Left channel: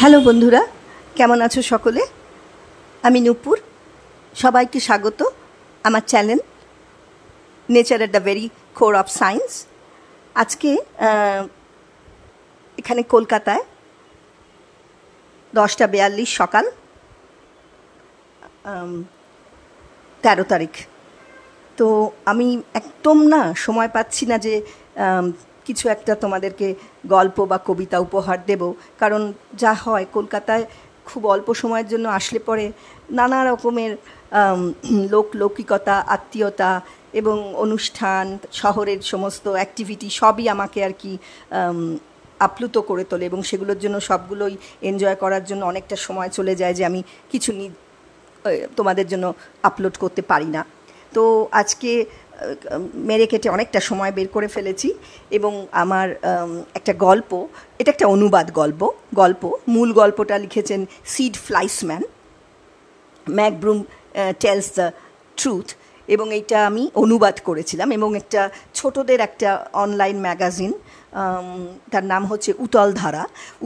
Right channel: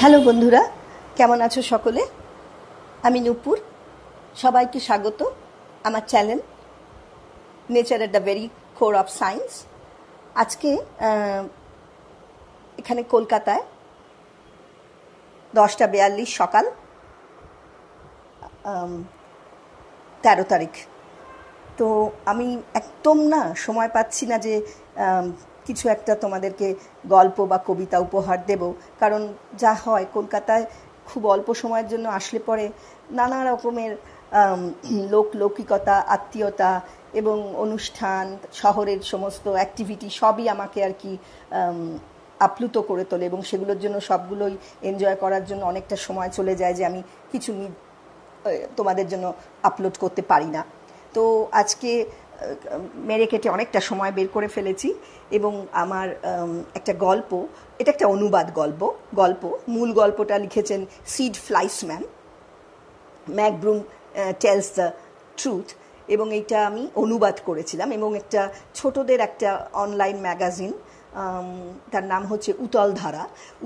Hello বন্ধুরা, কেমন আছো সকলে? আমি নূপুর, সবাইকে স্বাগত আমার channel nature at the very core of science. আজকে এখানে কলকাতায় 10:42 সকাল, 13 তারিখ। তো আমি একদম সময় পাচ্ছি না যে কিছু একটা তোমাদেরকে গল্প বা কবিতা উপহার দেব, কারণ যা হয় কলকাতায় খুব অল্প সময়ের জন্য আসলে পরে নানা রকমের লৌকিকতা, আত্মীয়তা এবং অনুষ্ঠান, শহরের সমস্ত অ্যাক্টিভিটি সবই আমাকে আর কি আপ্লুত করে তোলে, এবং সেগুলোর জন্য সবগুলোই এনজয় করার জন্য অনেকটা সময় চলে যায় যে আমি কিছু তোমাদের জন্য আপলোড করতে পারি না। তো আজকে মেরে কেটে অনেকটা সময় বের করে ফেলেছি, এবং আমার একটা গল্প, এটা একটা অনুবাদ গল্প মূল গল্পটা লিখেছেন Sid Fleischman, McBroom tells the truth, এবং এইটা আমি অনুবাদ করেছিলাম এবং একটা ছোটদের একটা অনলাইন ম্যাগাজিন, তার নাম হচ্ছে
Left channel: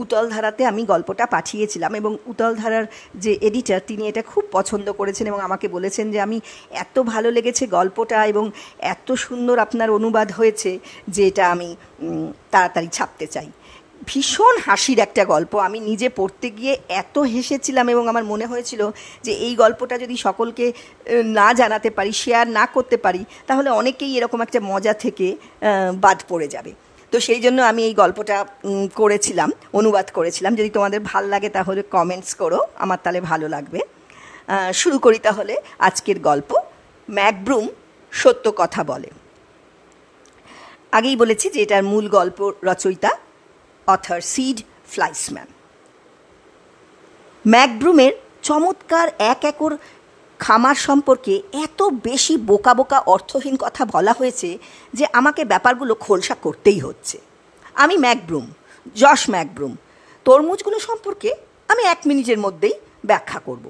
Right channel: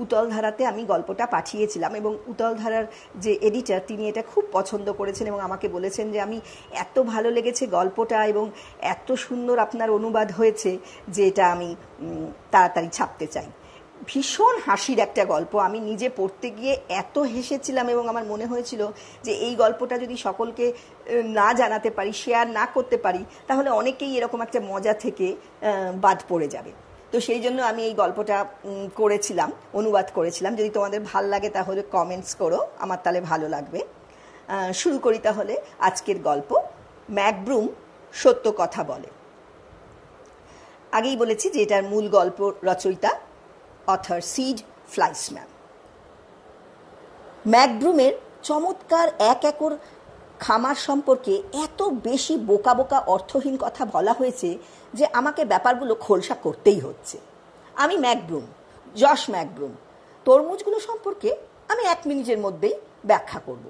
উতলধারাতে আমি গল্পটা পাঠিয়েছিলাম, এবং উতলধারার যে এডিটর তিনি এটা খুব পছন্দ করেছেন এবং আমাকে বলেছেন যে আমি এত ভালো লেগেছে গল্পটা এবং এত সুন্দর আপনার অনুবাদ হয়েছে যে এটা আমি তাড়াতাড়ি ছাপতে চাই। ভীষণ হাসির একটা গল্প, আমি নিজে পড়তে গিয়ে এত হেসেছিলাম এবং আমার মনে হয়েছিল যে এই গল্পটা যদি সকলকে না জানাতে পারি, শেয়ার না করতে পারি, তাহলে অনেকেই এরকম একটা মজা থেকে বাদ পড়ে যাবে। তো সেই জন্য আমি এই গল্পটা অনুবাদ করেছিলাম। যদি তোমাদের ভাল লাগে তাহলে কমেন্টস করো, আমার তাহলে ভালো লাগবে। শুরু করি তাহলে আজকের গল্প, ম্যাক ব্রুম সত্য কথা বলে। আগেই বলেছি যে এটার মূল গল্প রচয়িতা অথর সিড ফ্লাইসম্যান। ম্যাক ব্রুমের চমৎকার 1 একর খামার সম্পর্কে এত বেশি বোকা বোকা অর্থহীন কথা বলা হয়েছে যে আমাকে ব্যাপারগুলো খোলসা করতেই হচ্ছে। আমি জশ ম্যাক ব্রুম, তরমুজগুলো সম্পর্কে আমি 1 মিনিটের মধ্যেই ব্যাখ্যা করব।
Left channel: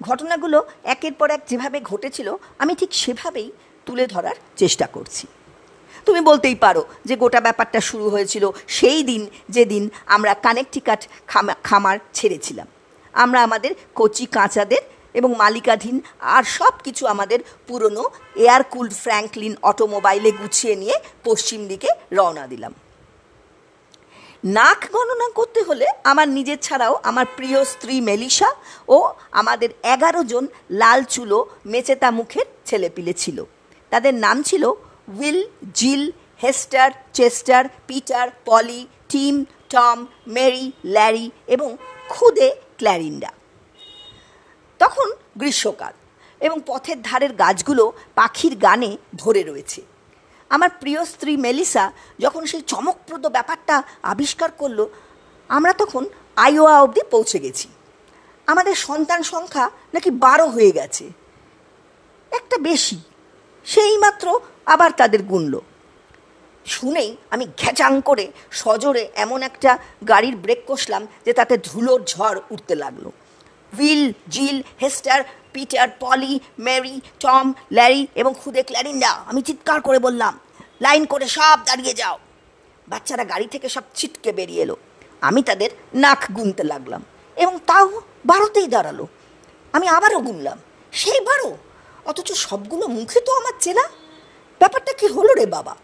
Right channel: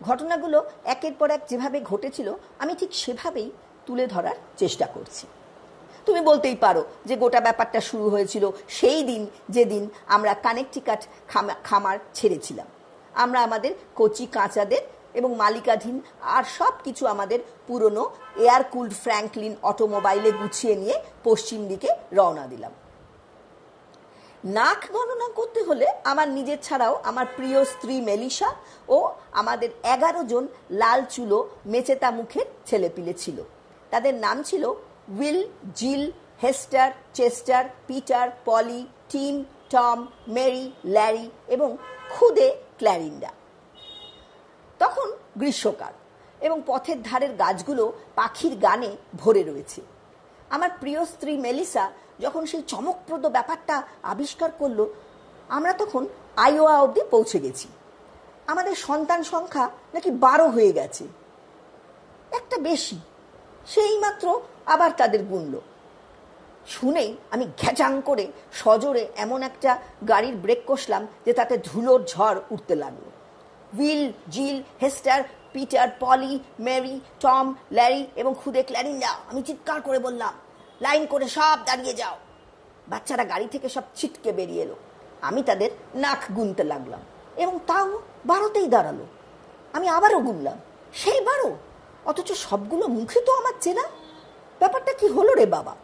ঘটনাগুলো একের পর এক যেভাবে ঘটেছিল আমি ঠিক সেভাবেই তুলে ধরার চেষ্টা করছি। তুমি বলতেই পারো যে গোটা ব্যাপারটা শুরু হয়েছিল সেই দিন যেদিন আমরা কানেকটিকাট খামার ছেড়েছিলাম। আমরা আমাদের কচি কাঁচাদের এবং মালিকাধীন আর সব কিছু আমাদের পুরনো এয়ার কুলড ফ্র্যাঙ্কলিন অটোমোবাইলে গুছিয়ে নিয়ে পশ্চিম দিকে রওনা দিলাম। নাক গণনা করতে হলে আমার নিজের ছাড়াও আমার প্রিয় স্ত্রী মেলিসা ও আমাদের 11 জন লাল চুলো মেচেতা মুখের ছেলেপিলে ছিল। তাদের নাম ছিল Will, Jill, Hester, Chester, Peter, Polly, Tim, Tom, Mary, Larry এবং খুদে ক্ল্যারিন্ডা। তখন গ্রীষ্মকাল এবং পথের ধারের গাছগুলো পাখির গানে ভরে রয়েছে। আমার প্রিয় স্ত্রী মেলিসা যখন সেই চমকপ্রদ ব্যাপারটা আবিষ্কার করলো, আমরা তখন আইওয়া অবধি পৌঁছে গেছি। আমাদের সন্তান সংখ্যা নাকি 12 হয়ে গেছে, একটা বেশি। সেই মাত্র আবার তাদের গুনল। শুনেই আমি ঘ্যাচাং করে সজোরে এমন একটা গাড়ির ব্রেক কষলাম যে তাতে ধুলোর ঝড় উঠতে লাগলো। Will, Jill, Hester, Peter, Polly, Mary, Tom, Larry এবং খুদে ক্ল্যারিন্ডা, আমি চিৎকার করে বললাম, লাইন করে সব দাঁড়িয়ে যাও। বাচ্চারা গাড়ি থেকে সব ছিটকে বেরিয়ে এলো। আমি তাদের নাক গুনতে লাগলাম এবং তাও 12তেই দাঁড়ালো। আমি আবারও গুনলাম, সেই 12, অথচ সবগুলো মুখে তো আমার চেনা। ব্যাপারটা কি হলো রে বাবা?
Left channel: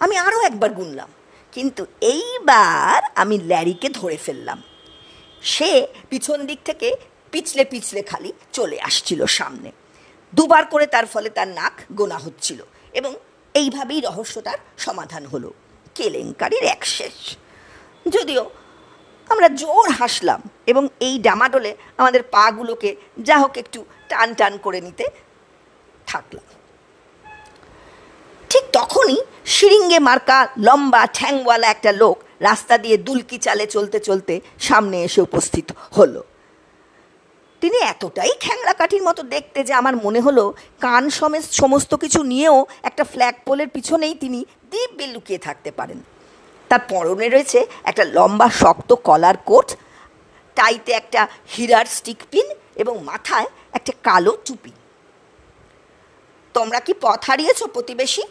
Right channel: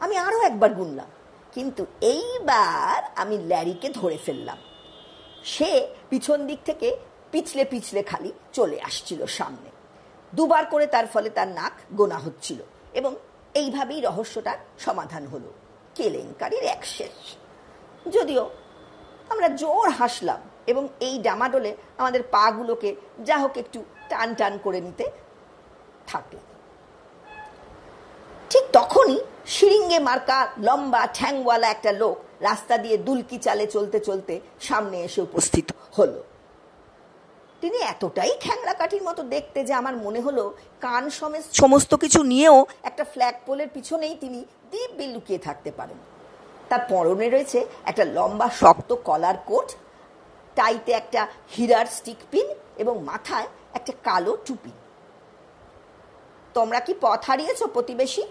আমি আরও একবার গুনলাম, কিন্তু এইবার আমি ল্যারিকে ধরে ফেললাম। সে পিছন দিক থেকে পিছলে পিছলে খালি চলে আসছিল সামনে। 2 বার করে তার ফলে তার নাক গোনা হচ্ছিল, এবং এইভাবেই রহস্যটার সমাধান হলো। কেলেঙ্কারির এক শেষ। যদিও আমরা জোর হাসলাম এবং এই ডামাডোলে আমাদের পাগুলোকে যা হোক একটু টান টান করে নিতে থাকলাম। ঠিক তখনই শিরিঙ্গে মার্কা লম্বা ঠ্যাংওয়ালা একটা লোক রাস্তা দিয়ে দুলকি চালে চলতে চলতে সামনে এসে উপস্থিত হলো। তিনি এতটাই খ্যাংড়া কাঠির মতো দেখতে যে আমার মনে হলো কান সমেত সমস্ত কিছু নিয়েও একটা ফ্ল্যাগ পোলের পিছনেই তিনি দিব্যি লুকিয়ে থাকতে পারেন। তার পরনে রয়েছে একটা লম্বা শক্ত কলার কোট, টাইতে একটা হীরার স্টিক পিন এবং মাথায় একটা কালো টুপি। তোমরা কি পথ হারিয়েছ প্রতিবেশী?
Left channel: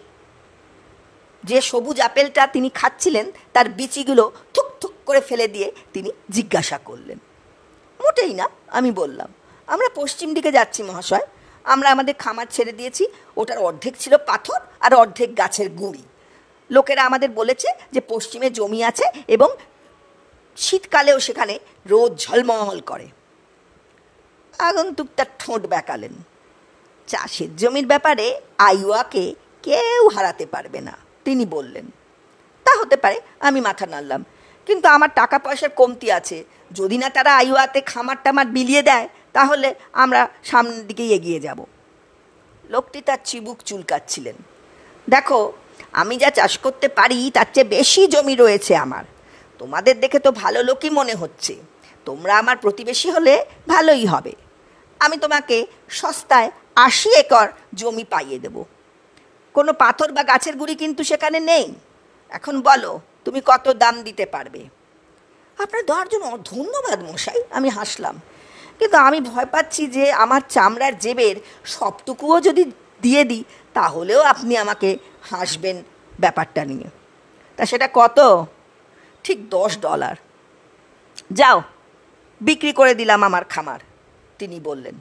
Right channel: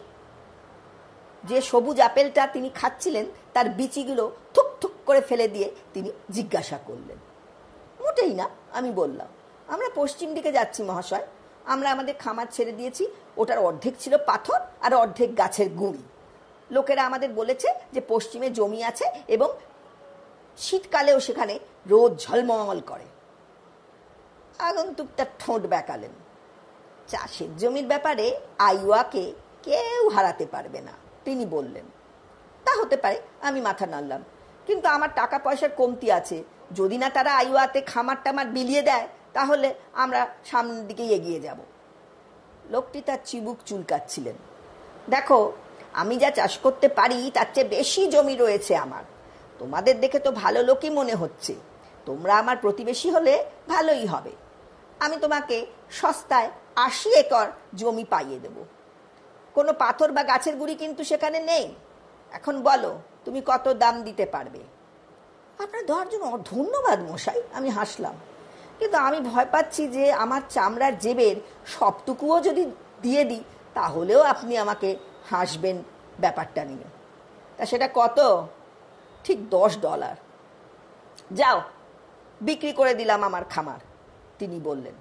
যে সবুজ আপেলটা তিনি খাচ্ছিলেন তার বিচিগুলো থুক থুক করে ফেলে দিয়ে তিনি জিজ্ঞাসা করলেন। মোটেই না, আমি বললাম। আমরা পশ্চিম দিকে যাচ্ছি মহাশয়। আমরা আমাদের খামার ছেড়ে দিয়েছি। ওটার অর্ধেক ছিল পাথর আর অর্ধেক গাছের গুঁড়ি। লোকেরা আমাদের বলেছে যে পশ্চিমে জমি আছে এবং শীতকালেও সেখানে রোদ ঝলমল করে। আগন্তুক তার ঠোঁট বেঁকালেন। চাষের জমির ব্যাপারে আইওয়াকে কেউ হারাতে পারবে না, তিনি বললেন। তা হতে পারে, আমি মাথা নাড়লাম। কিন্তু আমার টাকা পয়সার কমতি আছে। যদি না তারা আইওয়াতে খামার টামার বিলিয়ে দেয় তাহলে আমরা সামনের দিকেই এগিয়ে যাব। লোকটি তার চিবুক চুলকাচ্ছিলেন। দেখো, আমি যা চাষ করতে পারি তার চেয়ে বেশি জমি রয়েছে আমার। তোমাদের দেখে তো ভালো লোকই মনে হচ্ছে। তোমরা আমার প্রতিবেশী হলে ভালোই হবে। আমি তোমাকে সস্তায় 80 একর জমি পাইয়ে দেব। কোনো পাথর বা গাছের গুঁড়ি কিন্তু সেখানে নেই। এখন বলো, তুমি কত দাম দিতে পারবে? আপনার দেওয়ার জন্য ধন্যবাদ মশাই, আমি হাসলাম। কিন্তু আমি ভয় পাচ্ছি যে আমার চামড়ার জেবের সবটুকুও যদি দিয়ে দিই তাহলেও আপনি আমাকে হাসবেন ব্যাপারটা নিয়ে। তা সেটা কত? ঠিক $10। যাও, বিক্রি করে দিলাম আমার খামার, তিনি বললেন।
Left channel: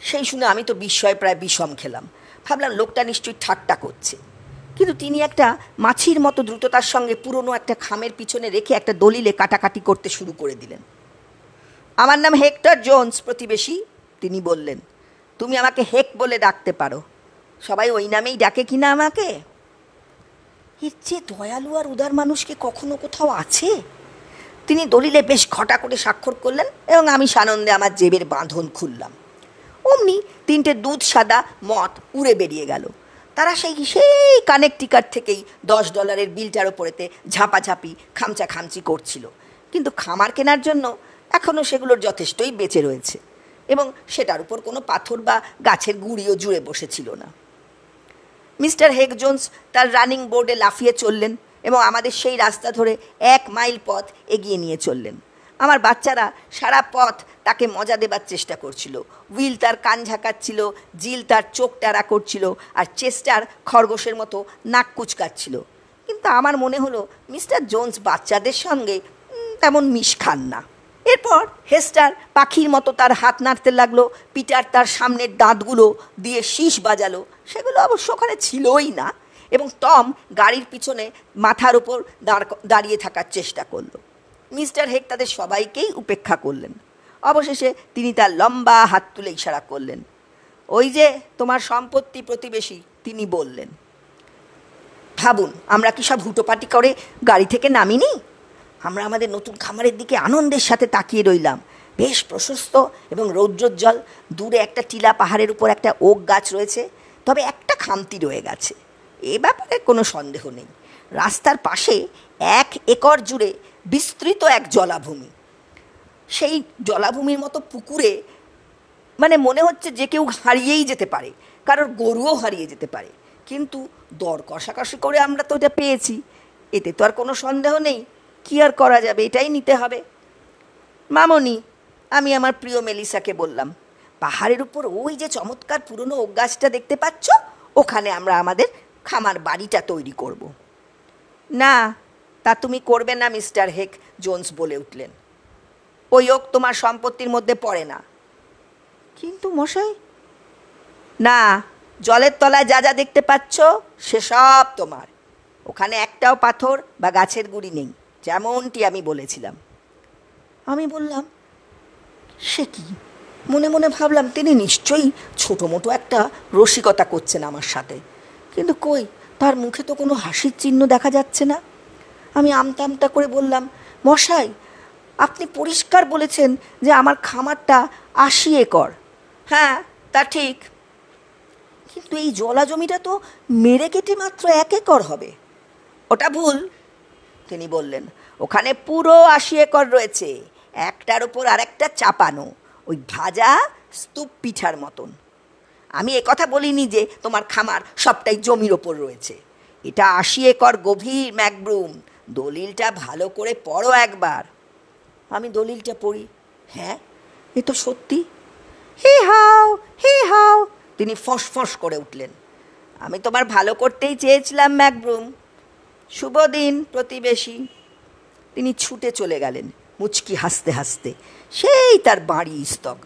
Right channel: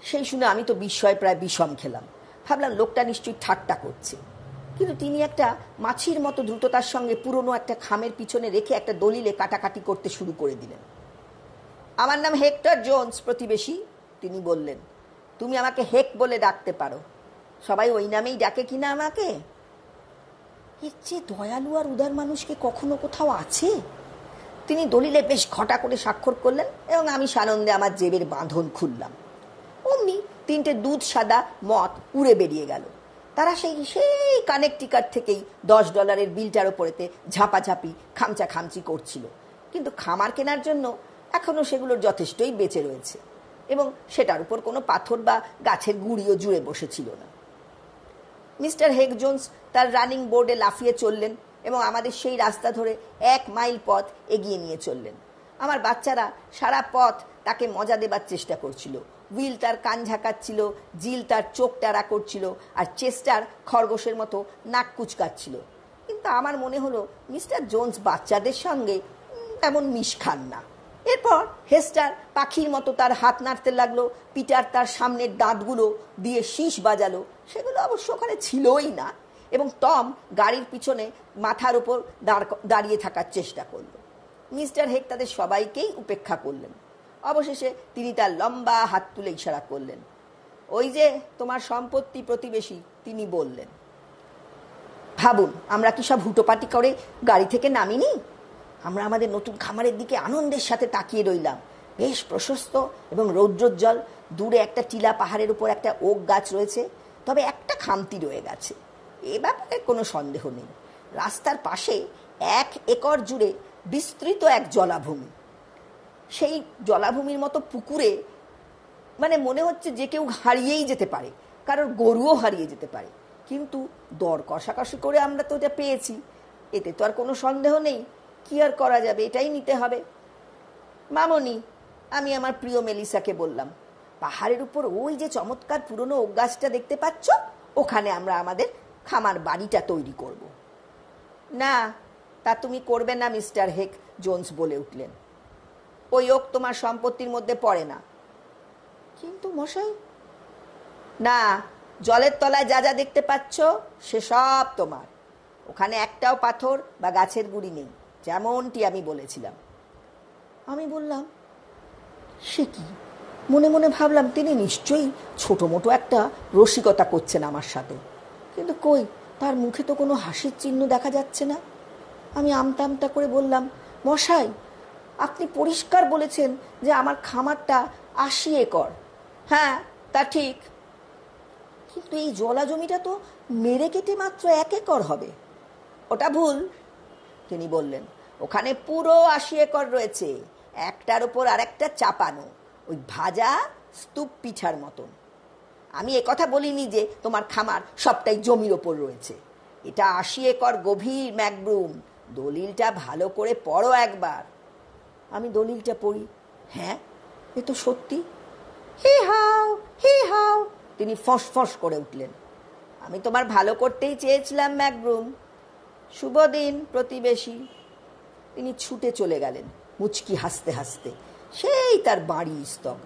সেই শুনে আমি তো বিস্ময়ে প্রায় বিষম খেলাম। ভাবলাম লোকটা নিশ্চয়ই ঠাট্টা করছে। কিন্তু তিনি একটা মাছির মতো দ্রুততার সঙ্গে পুরনো একটা খামের পিছনে রেখে একটা দলিলে কাটাকাটি করতে শুরু করে দিলেন। আমার নাম হেক্টর জোন্স, প্রতিবেশী, তিনি বললেন। তুমি আমাকে হেক বলে ডাকতে পারো। সবাই ওই নামেই ডাকে কিনা আমাকে? এর চেয়ে দয়ালু আর উদার মানুষকে কখনো কোথাও আছে? তিনি দলিলে বেশ ঘটা করে স্বাক্ষর করলেন এবং আমি সানন্দে আমার জেবের বাঁধন খুললাম। অমনি 3টে দুধ সাদা মদ উড়ে বেরিয়ে গেল। তারা সেই কানেকটিকাট থেকেই $10 বিলটার ওপরেতে ঝাঁপাঝাঁপি খামচি করছিল। কিন্তু খামার কেনার জন্য এখনও সেগুলোর যথেষ্টই বেঁচে রয়েছে এবং সেটার উপর কোনো পাথর বা গাছের গুঁড়িও জুড়ে বসেছিল না। মিস্টার হেক জোন্স তার রানিং বোর্ডে লাফিয়ে চললেন এবং আমাদের সেই রাস্তা ধরে 1 মাইল পথ এগিয়ে নিয়ে চললেন। আমার বাচ্চারা সারা পথ তাকে মজা দেবার চেষ্টা করছিল। উইল তার কান ঝাঁকাচ্ছিল, জিল তার চোখ টারা করছিল, আর চেস্টার খরগোশের মতো নাক কুচকাচ্ছিল। কিন্তু আমার মনে হলো মিস্টার জোন্স বাচ্চাদের সঙ্গে তেমন মিশ খান না। এরপর হেস্টার পাখির মতো তার হাত নাড়তে লাগলো। পিটার তার সামনের দাঁতগুলো দিয়ে শীষ বাজালো, সেগুলো অবশ্য ওখানে ছিলই না, এবং টম গাড়ির পিছনে মাথার ওপর দাঁড়িয়ে থাকার চেষ্টা করলো। মিস্টার হেক তাদের সবাইকেই উপেক্ষা করলেন। অবশেষে তিনি তার লম্বা হাত তুলে ইশারা করলেন। ওই যে তোমার সম্পত্তি, প্রতিবেশী, তিনি বললেন। ভাবুন, আমরা কি সব হুটোপাটি করে গাড়ি থেকে নামিনি? আমরা আমাদের নতুন খামারের দিকে আনন্দের সাথে তাকিয়ে রইলাম। বেশ প্রশস্ত এবং রৌদ্রোজ্জ্বল। দূরে একটা টিলা পাহাড়ের উপর একটা ওক গাছ রয়েছে, তবে একটা খামতি রয়ে গেছে। এ ব্যাপারে কোনো সন্দেহ নেই। রাস্তার পাশে 1 একর জুড়ে বিস্তৃত এক জলাভূমি। সেই জলাভূমির মতো পুকুরে মনে হচ্ছে যে কেউ হারিয়েই যেতে পারে, কারোর গরুও হারিয়ে যেতে পারে। কিন্তু দর কষাকষি করে আমরা তো এটা পেয়েছি, এতে তো আর কোনো সন্দেহ নেই। কি আর করা যাবে, এটাই নিতে হবে। মামনি, আমি আমার প্রিয় মেলিসাকে বললাম, পাহাড়ের উপর ওই যে চমৎকার পুরনো ওক গাছটা দেখতে পাচ্ছ, ওখানে আমরা আমাদের খামার বাড়িটা তৈরি করব। না, তা তুমি করবে না, মিস্টার হেক জোন্স বলে উঠলেন। ওই ওক তোমার সম্পত্তির মধ্যে পড়ে না। কিন্তু মশাই। না, জলের তলায় যা যা দেখতে পাচ্ছ সেসব তোমার। ওখানে একটাও পাথর বা গাছের গুঁড়ি নেই, যেমনটি আমি বলেছিলাম। আমি বললাম, সে কি? মনে মনে ভাবলাম তিনি নিশ্চয়ই ছোটো মোটো একটা রসিকতা করছেন আমার সাথে, কিন্তু কই, তার মুখে তো কোনো হাসির চিহ্ন দেখা যাচ্ছে না। আমি আমতা আমতা করে বললাম, মশাই, আপনি পরিষ্কার বলেছেন যে আমার খামারটা 80 একর। হ্যাঁ, তা ঠিক, কিন্তু এই জলা জমিটা তো মেরে কেটে মাত্র 1 একর হবে। ওটা ভুল, তিনি বললেন। ওখানে পুরো 80 একর রয়েছে, একটার উপর আরেকটা চাপানো, ওই ভাজা স্তূপ পিঠার মতন। আমি একথা বলিনি যে তোমার খামার সবটাই জমির ওপর রয়েছে। এটা 80 একর গভীর, ম্যাকব্রুম। দলিলটা ভালো করে পড়ো একবার। আমি দলিলটা পড়ি। হ্যাঁ, এ তো সত্যি। হি হাও, হি হাও, তিনি ফস ফস করে উঠলেন। আমি তোমার ভালো করতেই চেয়েছিলাম, ম্যাকব্রুম। শুভ দিন, প্রতিবেশী। তিনি ছুটে চলে গেলেন মুচকি হাসতে হাসতে, সেই তার বাড়ি স্তক।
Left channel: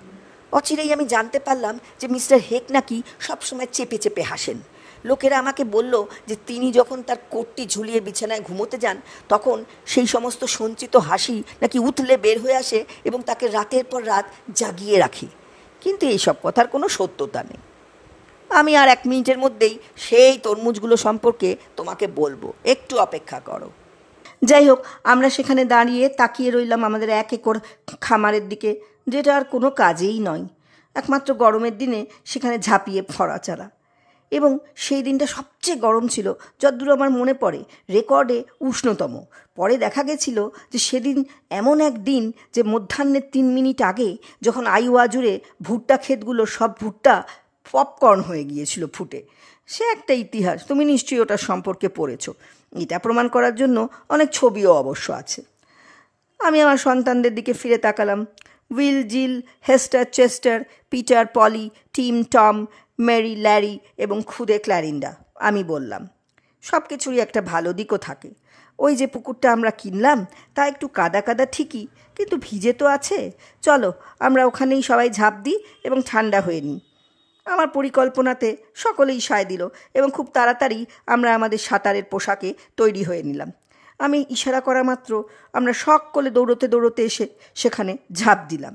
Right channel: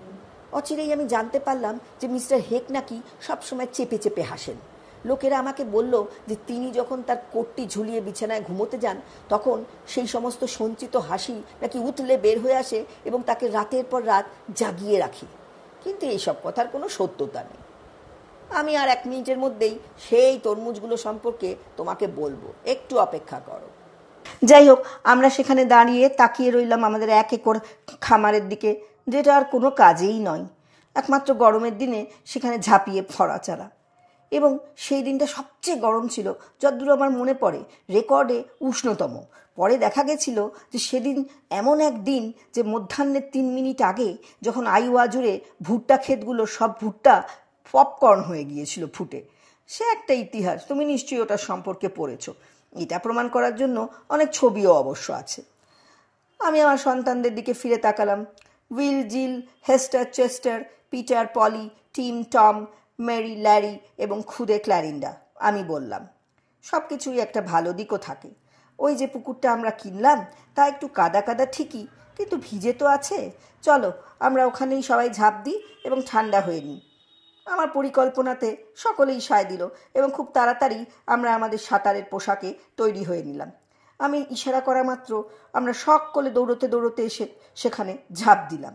অচিরেই আমি জানতে পারলাম যে মিস্টার হেক নাকি সবসময় চেপে চেপে হাসেন। লোকেরা আমাকে বলল যে তিনি যখন তার কোটটি ঝুলিয়ে বিছানায় ঘুমোতে যান তখন সেই সমস্ত সঞ্চিত হাসি নাকি উথলে বের হয়ে আসে এবং তাকে রাতের পর রাত জাগিয়ে রাখে। কিন্তু এইসব কথার কোনো সত্যতা নেই। আমি আর 1 মিনিটের মধ্যেই সেই তরমুজগুলো সম্পর্কে তোমাকে বলবো, একটু অপেক্ষা করো। যাই হোক, আমরা সেখানে দাঁড়িয়ে তাকিয়ে রইলাম আমাদের 1 একর খামারের দিকে, যেটা আর কোনো কাজেই নয়, একমাত্র গরমের দিনে সেখানে ঝাঁপিয়ে ফড়াচালা। এবং সেই দিনটা সবচেয়ে গরম ছিল, যতদূর আমার মনে পড়ে রেকর্ডে উষ্ণতম। পরে দেখা গেছিল যে সেদিন এমন এক দিন যে মধ্যাহ্নের 3 মিনিট আগে যখন আইওয়া জুড়ে ভুট্টা ক্ষেতগুলো সব ভুট্টা পপকর্ন হয়ে গিয়েছিল ফুটে। সে একটা ইতিহাস, তুমি নিশ্চয়ই ওটার সম্পর্কে পড়েছ। এটা প্রমাণ করার জন্য অনেক ছবিও অবশ্য আছে। আমি আমার সন্তানদের দিকে ফিরে তাকালাম। Will, Jill, Hester, Chester, Peter, Polly, Tim, Tom, Mary, Larry এবং খুদে ক্ল্যারিন্ডা। আমি বললাম, সব কিছুরই একটা ভালো দিকও থাকে। ওই যে পুকুরটা আমরা কিনলাম তা একটু কাদা কাদা ঠিকই, কিন্তু ভিজে তো আছে। চলো আমরা ওখানেই সবাই ঝাঁপ দিই এবং ঠান্ডা হয়ে নিই। আমার পরিকল্পনাতে সকলেই সায় দিল এবং খুব তাড়াতাড়ি আমরা আমাদের সাঁতারের পোশাকে তৈরি হয়ে নিলাম। আমি ইশারা করা মাত্র আমরা সকলে দৌড়তে দৌড়তে এসে সেখানে ঝাঁপ দিলাম।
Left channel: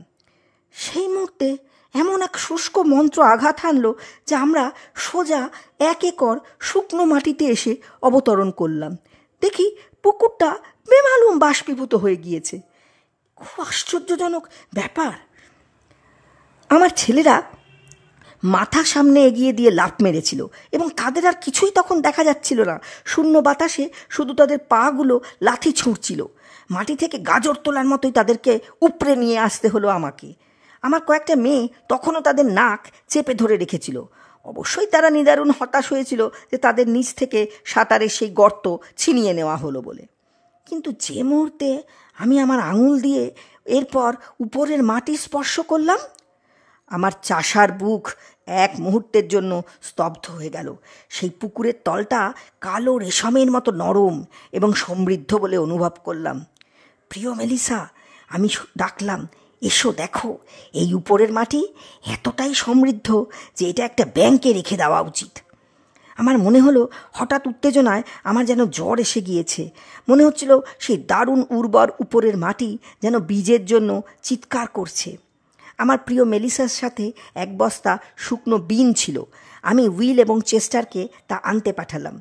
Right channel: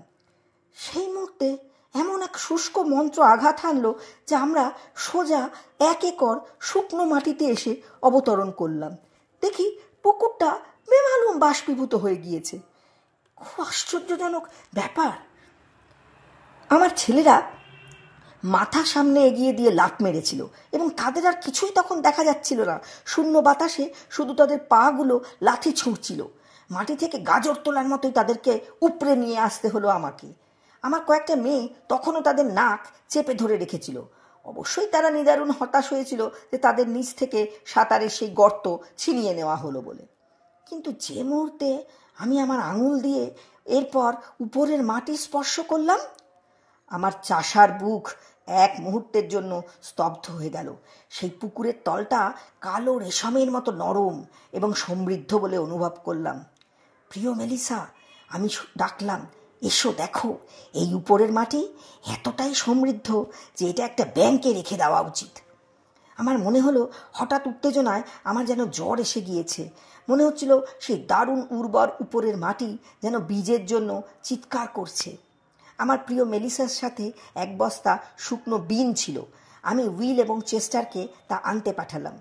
সেই মুহূর্তে এমন এক শুষ্ক মন্ত্র আঘাত হানলো যে আমরা সোজা 1 একর শুকনো মাটিতে এসে অবতরণ করলাম। দেখি পুকুরটা বেমালুম বাষ্পীভূত হয়ে গিয়েছে। খুব আশ্চর্যজনক ব্যাপার। আমার ছেলেরা মাথা সামনে এগিয়ে দিয়ে লাফ মেরেছিল এবং তাদের আর কিছুই তখন দেখা যাচ্ছিল না। শূন্য বাতাসে শুধু তাদের পাগুলো লাথি ছুঁড়ছিল। মাটি থেকে গাজর তোলার মতোই তাদেরকে উপড়ে নিয়ে আসতে হলো আমাকে। আমার কয়েকটা মেয়ে তখনও তাদের নাক চেপে ধরে রেখেছিল। অবশ্যই তারা নিদারুণ হতাশ হয়েছিল যে তাদের নিচ থেকে সাঁতারের সেই গর্ত ছিনিয়ে নেওয়া হলো বলে। কিন্তু যে মুহূর্তে আমি আমার আঙুল দিয়ে এরপর উপরের মাটি স্পর্শ করলাম, আমার চাষার বুক এক মুহূর্তের জন্য স্তব্ধ হয়ে গেল। সেই পুকুরের তলটা কালো রেশমের মতো নরম এবং সমৃদ্ধ বলে অনুভব করলাম। প্রিয় মেলিসা, আমি ডাকলাম, এসো দেখো, এই উপরের মাটি এতটাই সমৃদ্ধ যে এটা একটা ব্যাংকে রেখে দেওয়া উচিত। আমার মনে হলো হঠাৎ উত্তেজনায় আমার যেন জ্বর এসে গিয়েছে। মনে হচ্ছিল সেই দারুণ উর্বর উপরের মাটি যেন বীজের জন্য চিৎকার করছে। আমার প্রিয় মেলিসার সাথে 1 বস্তা শুকনো বিন ছিল। আমি উইল এবং চেস্টারকে তা আনতে পাঠালাম।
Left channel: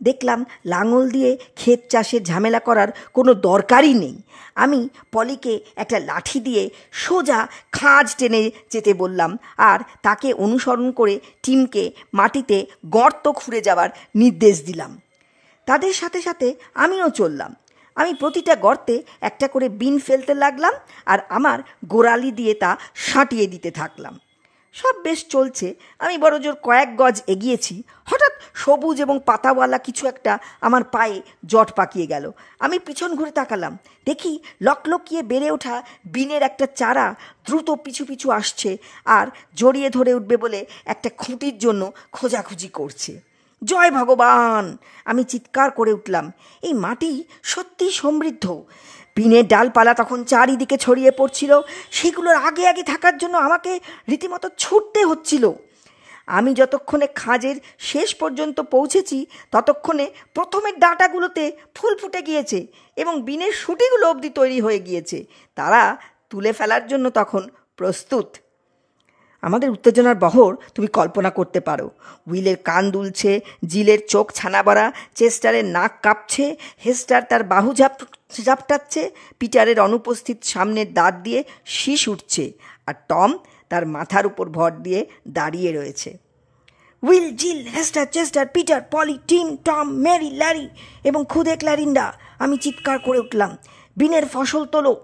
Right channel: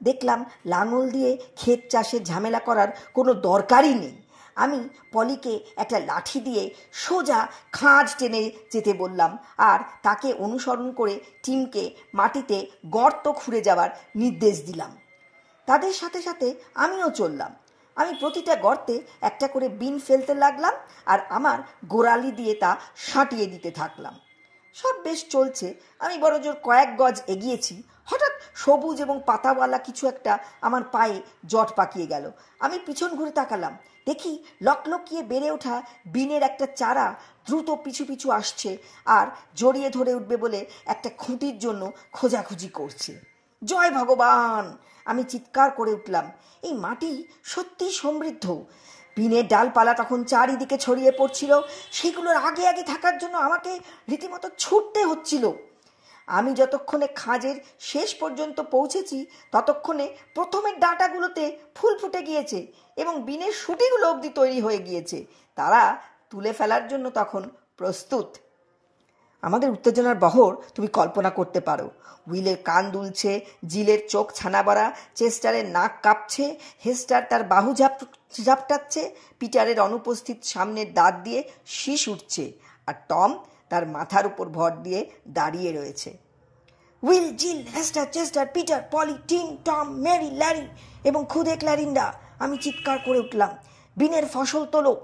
দেখলাম লাঙল দিয়ে ক্ষেত চাষের ঝামেলা করার কোনো দরকারই নেই। আমি পলিকে একটা লাঠি দিয়ে সোজা খাঁজ টেনে যেতে বললাম আর তাকে অনুসরণ করে টিমকে মাটিতে গর্ত খুঁড়ে যাওয়ার নির্দেশ দিলাম। তাদের সাথে সাথে আমিও চললাম। আমি প্রতিটা গর্তে একটা করে বিন ফেলতে লাগলাম আর আমার গোড়ালি দিয়ে তা সাঁটিয়ে দিতে থাকলাম। সব বেশ চলছে। আমি বড়জোর কয়েক গজ এগিয়েছি, হঠাৎ সবুজ এবং পাতাওয়ালা কিছু একটা আমার পায়ে জট পাকিয়ে গেল। আমি পিছন ঘুরে তাকালাম, দেখি লকলকিয়ে বেড়ে ওঠা বিনের একটা চারা দ্রুত পিছু পিছু আসছে আর জড়িয়ে ধরে উঠবে বলে একটা খুঁটির জন্য খোঁজাখুঁজি করছে। জয় ভগবান! আমি চিৎকার করে উঠলাম। এই মাটি সত্যিই সমৃদ্ধ। বিনের ডালপালা তখন চারিদিকে ছড়িয়ে পড়ছিল। সেগুলোর আগে আগে থাকার জন্য আমাকে রীতিমতো ছুটতে হচ্ছিল। আমি যতক্ষণে খাঁজের শেষ পর্যন্ত পৌঁছেছি ততক্ষণে প্রথমের ডাঁটাগুলোতে ফুল ফুটে গিয়েছে এবং বিনের শুটিগুলো অবধি তৈরি হয়ে গিয়েছে। তারা তুলে ফেলার জন্য তখন প্রস্তুত। আমাদের উত্তেজনার বহর তুমি কল্পনা করতে পারো। উইলের কান দুলছে, জিলের চোখ ছানা বড়া, চেস্টারের নাক কাঁপছে, হেস্টার তার বাহু ঝাপটাচ্ছে, পিটারের অনুপস্থিত সামনের দাঁত দিয়ে শীষ উঠছে, আর টম তার মাথার উপর ভর দিয়ে দাঁড়িয়ে রয়েছে। Will, Jill, Hester, Chester, Peter, Polly, Tim, Tom, Mary, Larry এবং খুদে ক্ল্যারিন্ডা, আমি চিৎকার করে উঠলাম, বিনের ফসল তোলো।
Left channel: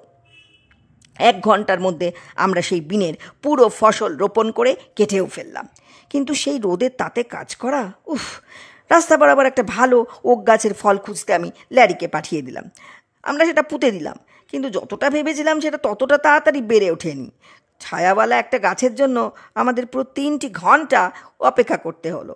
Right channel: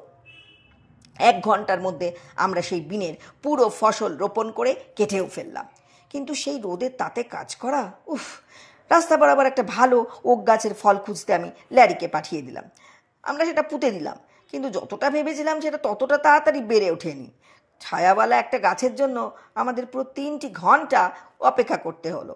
1 ঘন্টার মধ্যে আমরা সেই বিনের পুরো ফসল রোপণ করে কেটেও ফেললাম। কিন্তু সেই রোদের তাতে কাজ করা, উফ! রাস্তা বরাবর একটা ভালো ওক গাছের ফল খুঁজতে আমি ল্যারিকে পাঠিয়ে দিলাম। আমরা সেটা পুঁতে দিলাম, কিন্তু যতটা ভেবেছিলাম সেটা ততটা তাড়াতাড়ি বেড়ে ওঠেনি। ছায়াওয়ালা একটা গাছের জন্য আমাদের পুরো 3টি ঘন্টা অপেক্ষা করতে হলো।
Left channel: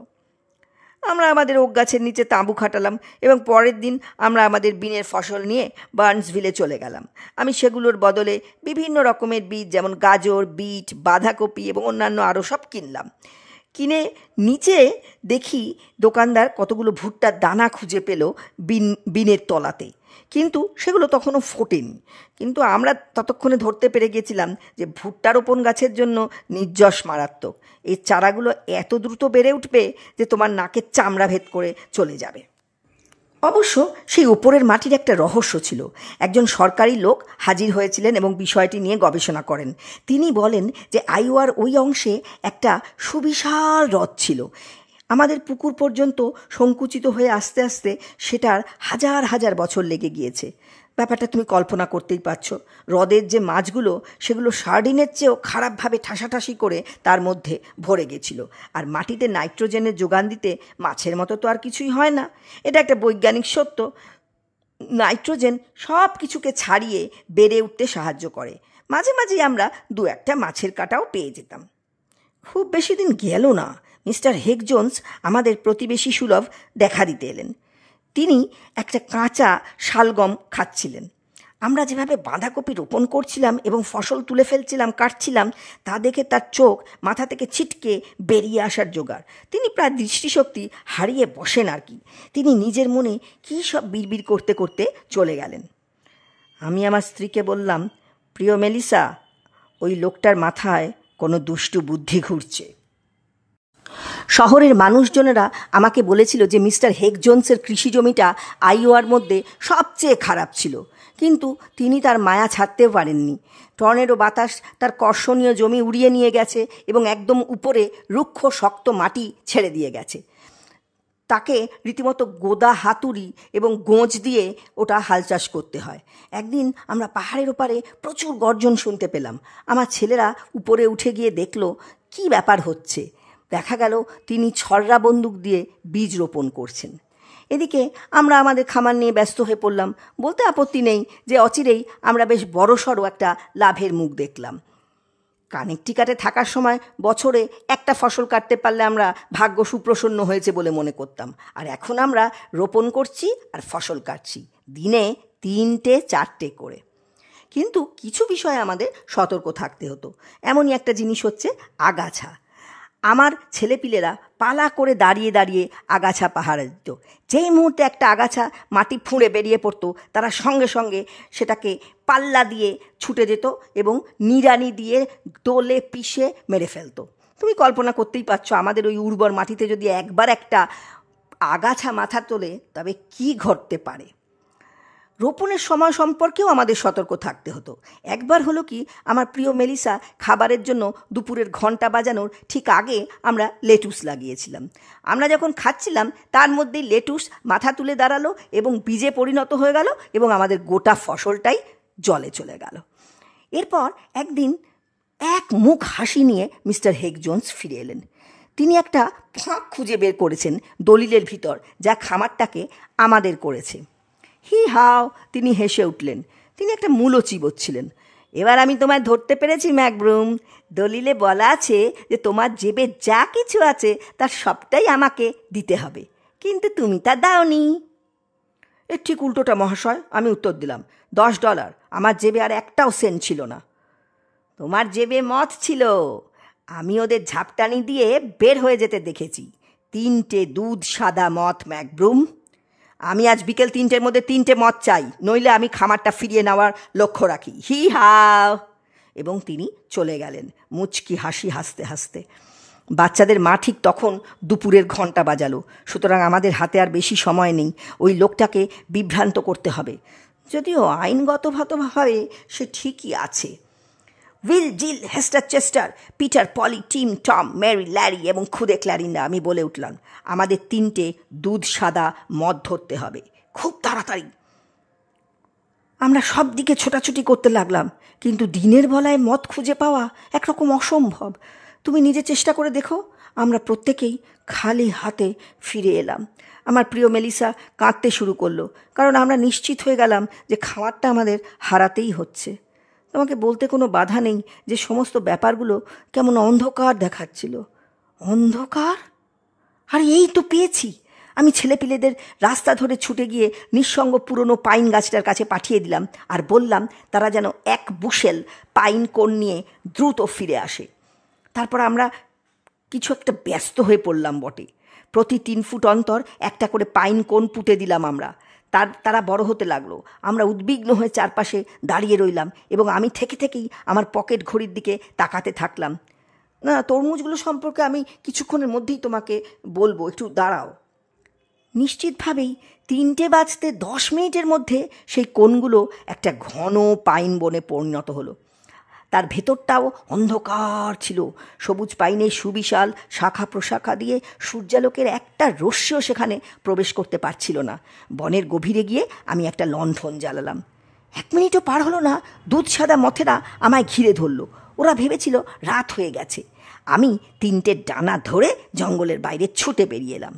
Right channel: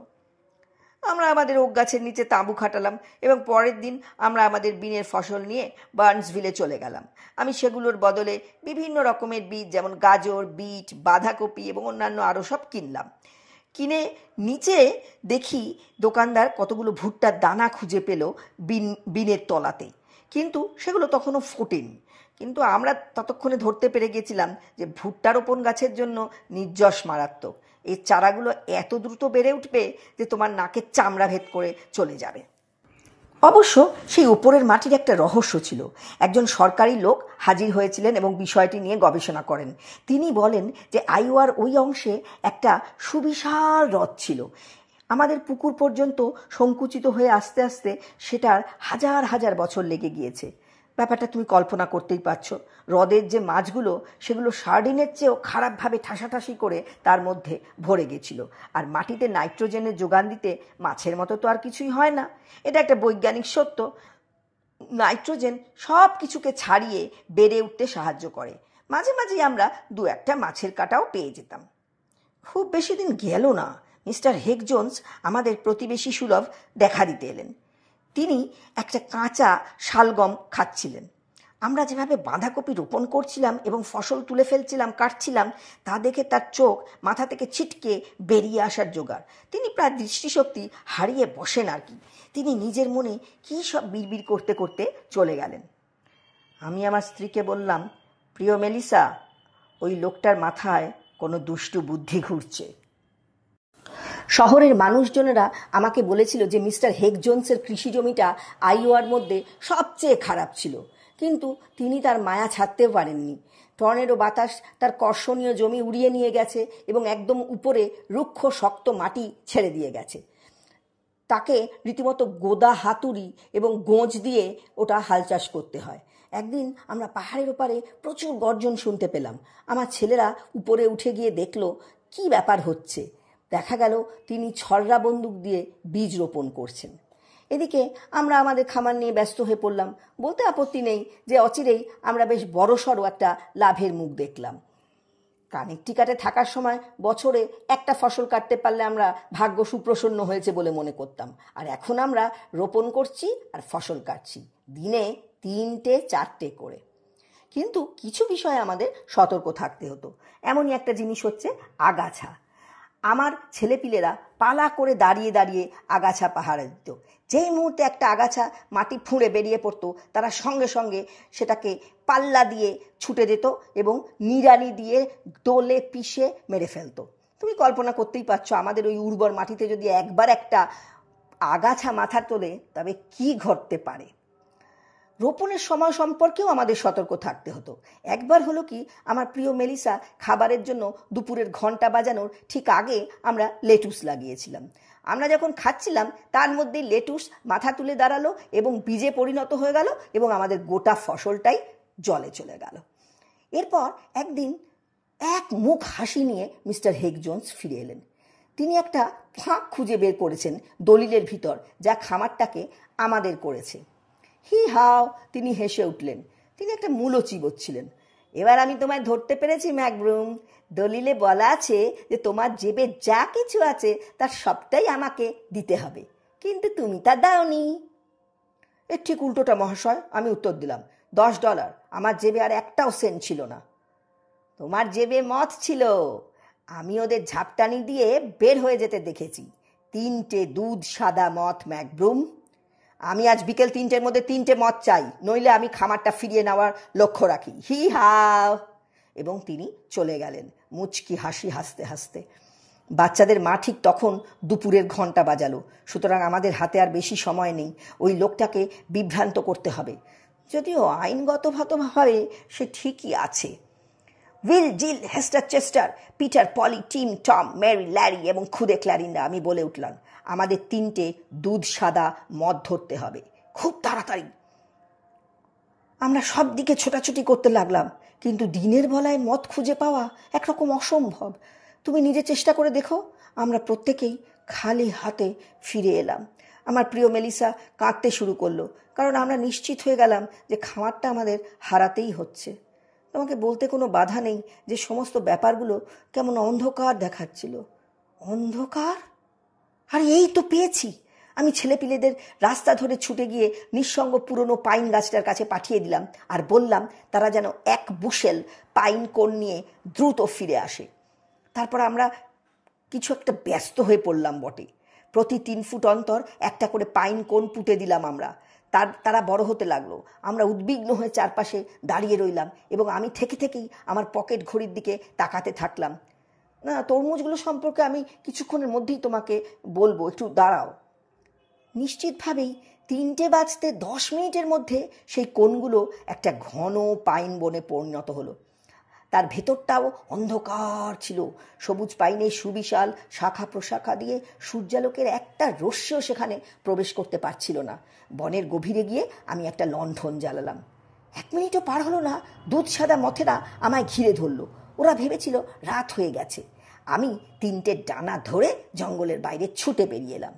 আমরা আমাদের ওক গাছের নিচে তাঁবু খাটালাম এবং পরের দিন আমরা আমাদের বিনের ফসল নিয়ে বার্নসভিলে চলে গেলাম। আমি সেগুলোর বদলে বিভিন্ন রকমের বীজ, যেমন গাজর, বিট, বাঁধাকপি এবং অন্যান্য আরও সব কিনলাম। কিনে নিচে দেখি দোকানদার কতগুলো ভুট্টার দানা খুঁজে পেল বিনের তলাতে, কিন্তু সেগুলো তখনও ফোটেনি। কিন্তু আমরা ততক্ষণে ধরতে পেরে গেছিলাম যে ভুট্টা রোপণ গাছের জন্য নির্যশ মারাত্মক। এই চারাগুলো এত দ্রুত বেড়ে উঠবে যে তোমার নাকের চামড়া ভেদ করে চলে যাবে। অবশ্য সেই উপরের মাটির একটা রহস্য ছিল। একজন সরকারি লোক হাজির হয়েছিলেন এবং বিষয়টি নিয়ে গবেষণা করেন। তিনি বলেন যে আইওয়ার ওই অংশে একটা সুবিশাল হ্রদ ছিল। আমাদের পুকুর পর্যন্ত সংকুচিত হয়ে আস্তে আস্তে সেটার হাজার হাজার বছর লেগে গিয়েছে। ব্যাপারটা তুমি কল্পনা করতেই পারছো। হ্রদের যে মাছগুলো, সেগুলো সার্ডিনের চেয়েও খারাপভাবে ঠাসাঠাসি করে তার মধ্যে ভরে গেছিল। আর মাটিতে নাইট্রোজেনের যোগান দিতে মাছের মতো তো আর কিছুই হয় না। এটা একটা বৈজ্ঞানিক সত্য। নাইট্রোজেন সব কিছুকে ছাড়িয়ে বেড়ে উঠতে সাহায্য করে। মাঝে মাঝেই আমরা দু একটা মাছের কাঁটাও পেয়ে যেতাম। খুব বেশি দিন গেল না, মিস্টার হেগ জোন্স আমাদের প্রতিবেশী সুলভ দেখা দিতে এলেন। তিনি একটা কাঁচা শালগম খাচ্ছিলেন। আমরা যেভাবে বাঁধাকপি রোপণ করছিলাম এবং ফসল তুলে ফেলছিলাম, কাটছিলাম, তা দেখে তার চোখ মাথা থেকে ছিটকে বেরিয়ে আসার জোগাড়। তিনি প্রায় দৃষ্টিশক্তি হারিয়ে বসেন আর কি। তিনি নিজের মনে কী সব বিড়বিড় করতে করতে চলে গেলেন। আমি আমার স্ত্রীকে বললাম, প্রিয় মেলিসা, ওই লোকটার মাথায় কোনো দুষ্টু বুদ্ধি ঘুরছে। শহরের মানুষজনেরা আমাকে বলেছিল যে মিস্টার হেগ জোন্সের কৃষি জমিটা আইওয়ার মধ্যে সবচেয়ে খারাপ ছিল, কিন্তু তিনি তার মায়া ছাড়তেও পারেননি। টর্নেডো বাতাস তার কর্ষণীয় জমি উড়িয়ে নিয়ে গেছে এবং একদম উপরে রুক্ষ শক্ত মাটি ছেড়ে দিয়ে গেছে। তাকে রীতিমতো গোদা হাতুড়ি এবং গোঁজ দিয়ে ওটা হাল চাষ করতে হয়। একদিন আমরা পাহাড়ের ওপারে প্রচুর গর্জন শুনতে পেলাম। আমার ছেলেরা উপরে উঠে গিয়ে দেখল কি ব্যাপার হচ্ছে। দেখা গেল তিনি ছররা বন্দুক দিয়ে বীজ রোপণ করছেন। এদিকে আমরা আমাদের খামার নিয়ে ব্যস্ত হয়ে পড়লাম। বলতে আপত্তি নেই যে অচিরেই আমরা বেশ বড়সড় একটা লাভের মুখ দেখলাম। কানেকটিকাটে থাকার সময় বছরে একটা ফসল কাটতে পারলে আমরা ভাগ্য সুপ্রসন্ন হয়েছে বলে মনে করতাম। আর এখন আমরা রোপণ করছি আর ফসল কাটছি, দিনে 3-4টে করে। কিন্তু কিছু বিষয়ে আমাদের সতর্ক থাকতে হতো। এমনই একটা জিনিস হচ্ছে আগাছা। আমার ছেলেপিলেরা পালা করে দাঁড়িয়ে দাঁড়িয়ে আগাছা পাহারা দিত। যেই মুহূর্তে একটা আগাছা মাটি ফুঁড়ে বেরিয়ে পড়তো, তারা সঙ্গে সঙ্গে সেটাকে পাল্লা দিয়ে ছুটে যেত এবং নিড়ানি দিয়ে দোলে পিষে মেরে ফেলতো। তুমি কল্পনা করতেই পারছো, আমাদের ওই উর্বর মাটিতে যদি একবার একটা আগাছা মাথা তোলে তবে কি ঘটতে পারে। রোপণের সময় সম্পর্কেও আমাদের সতর্ক থাকতে হতো। একবার হলো কি, আমার প্রিয় মেলিসা খাবারের জন্য দুপুরের ঘন্টা বাজানোর ঠিক আগে আমরা লেটুস লাগিয়েছিলাম। আমরা যখন খাচ্ছিলাম তার মধ্যেই লেটুস মাথা তুলে দাঁড়ালো এবং বীজে পরিণত হয়ে গেল এবং আমাদের গোটা ফসলটাই জলে চলে গেল। এরপর একদিন এক মুখ হাসি নিয়ে মিস্টার হেগ জোন্স ফিরে এলেন। তিনি একটা ফাঁক খুঁজে বের করেছেন দলিলের ভিতর, যা খামারটাকে আমাদের করেছে। হি হাও, তিনি হেসে উঠলেন। তিনি একটা মূলো চিবোচ্ছিলেন। এবার আমি তোমায় ধরতে পেরেছি ম্যাকব্রুম। দলিলে বলা আছে যে তোমার জেবে যা কিছু আছে তার সবটাই আমাকে দিতে হবে, কিন্তু তুমি তা দাওনি। এর ঠিক উল্টোটা মহাশয়, আমি উত্তর দিলাম। $10। আমার জেবে আর একটাও সেন্ট ছিল না। তোমার জেবে মদ ছিল। আমি ওদের ঝাপটানি দিয়ে বের হয়ে যেতে দেখেছি। 3টে দুধ সাদা মদ ম্যাকব্রুম। আমি আজ বিকেল 3টের মধ্যে 3টে মদ চাই, নইলে আমি খামারটা ফিরিয়ে নেওয়ার লক্ষ্য রাখি। হি হাও। এবং তিনি চলে গেলেন মুচকি হাসি হাসতে হাসতে। বাচ্চাদের মা ঠিক তখন দুপুরের ঘন্টা বাজালো। সুতরাং আমাদের হাতে আর বেশি সময় নেই। ওই লোকটাকে বিভ্রান্ত করতে হবে, যদিও আইনগতভাবে সে ঠিকই আছে। Will, Jill, Hester, Chester, Peter, Polly, Tim, Tom, Mary, Larry এবং খুদে ক্ল্যারিন্ডা, আমি বলে উঠলাম, আমাদের 3টে দুধ সাদা মদ ধরতে হবে, খুব তাড়াতাড়ি। আমরা সব দিকে ছোটাছুটি করতে লাগলাম, কিন্তু দিনের বেলায় মদ খুঁজে পাওয়া একরকম অসম্ভব। তুমি নিজে চেষ্টা করে দেখো। আমরা প্রত্যেকেই খালি হাতে ফিরে এলাম। আমার প্রিয় মেলিসা কাঁদতে শুরু করলো, কারণ আমরা নিশ্চিত হয়ে গেলাম যে খামারটা আমাদের হারাতেই হচ্ছে। তোমাকে বলতে কোনো বাধা নেই যে সমস্ত ব্যাপারগুলো কেমন অন্ধকার দেখাচ্ছিল। অন্ধকার? আর এই তো পেয়েছি। আমি ছেলেপিলেদের রাস্তা ধরে ছুটে গিয়ে নিঃসঙ্গ পুরনো পাইন গাছটার কাছে পাঠিয়ে দিলাম আর বললাম তারা যেন এক বুশেল পাইন কোন নিয়ে দ্রুত ফিরে আসে। তারপর আমরা কিছু একটা ব্যস্ত হয়ে পড়লাম বটে। প্রতি 3 ফুট অন্তর একটা করে পাইন কোন পুঁতে দিলাম আমরা। তারা বড় হতে লাগলো। আমরা উদ্বিগ্ন হয়ে চারপাশে দাঁড়িয়ে রইলাম এবং আমি থেকে থেকেই আমার পকেট ঘড়ির দিকে তাকাতে থাকলাম। না, তরমুজগুলো সম্পর্কে আমি কিছুক্ষণের মধ্যেই তোমাকে বলবো, একটু দাঁড়াও। নিশ্চিতভাবেই 3টে বাজতে 10 মিনিটের মধ্যে সেই কোণগুলো একটা ঘন পাইন বনে পরিণত হলো। তার ভেতরটাও অন্ধকার ছিল। সবুজ পাইনের সুবিশাল শাখা প্রশাখা দিয়ে সূর্যালোকের একটা রশ্মিও সেখানে প্রবেশ করতে পারছিল না। বনের গভীরে গিয়ে আমি একটা লণ্ঠন জ্বালালাম। 1 মিনিটও পার হলো না, দুধ সাদা মথেরা আমায় ঘিরে ধরল। ওরা ভেবেছিল রাত হয়ে গেছে। আমি 3টে ডানা ধরে জঙ্গলের বাইরে ছুটে বেরিয়ে এলাম।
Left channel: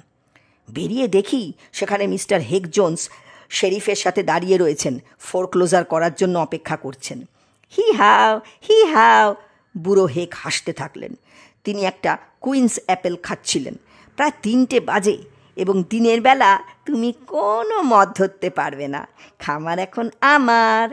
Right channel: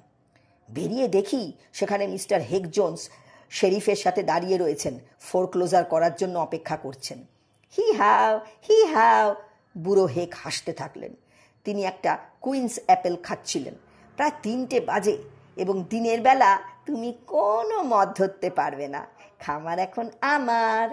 বেরিয়ে দেখি সেখানে মিস্টার হেগ জোন্স শেরিফের সাথে দাঁড়িয়ে রয়েছেন, ফোরক্লোজার করার জন্য অপেক্ষা করছেন। হি হাও, বুড়ো হেগ হাসতে থাকলেন। তিনি একটা কুইন্স অ্যাপেল খাচ্ছিলেন। প্রায় 3টে বাজে এবং দিনের বেলা তুমি কোনো মদ ধরতে পারবে না। খামার এখন আমার।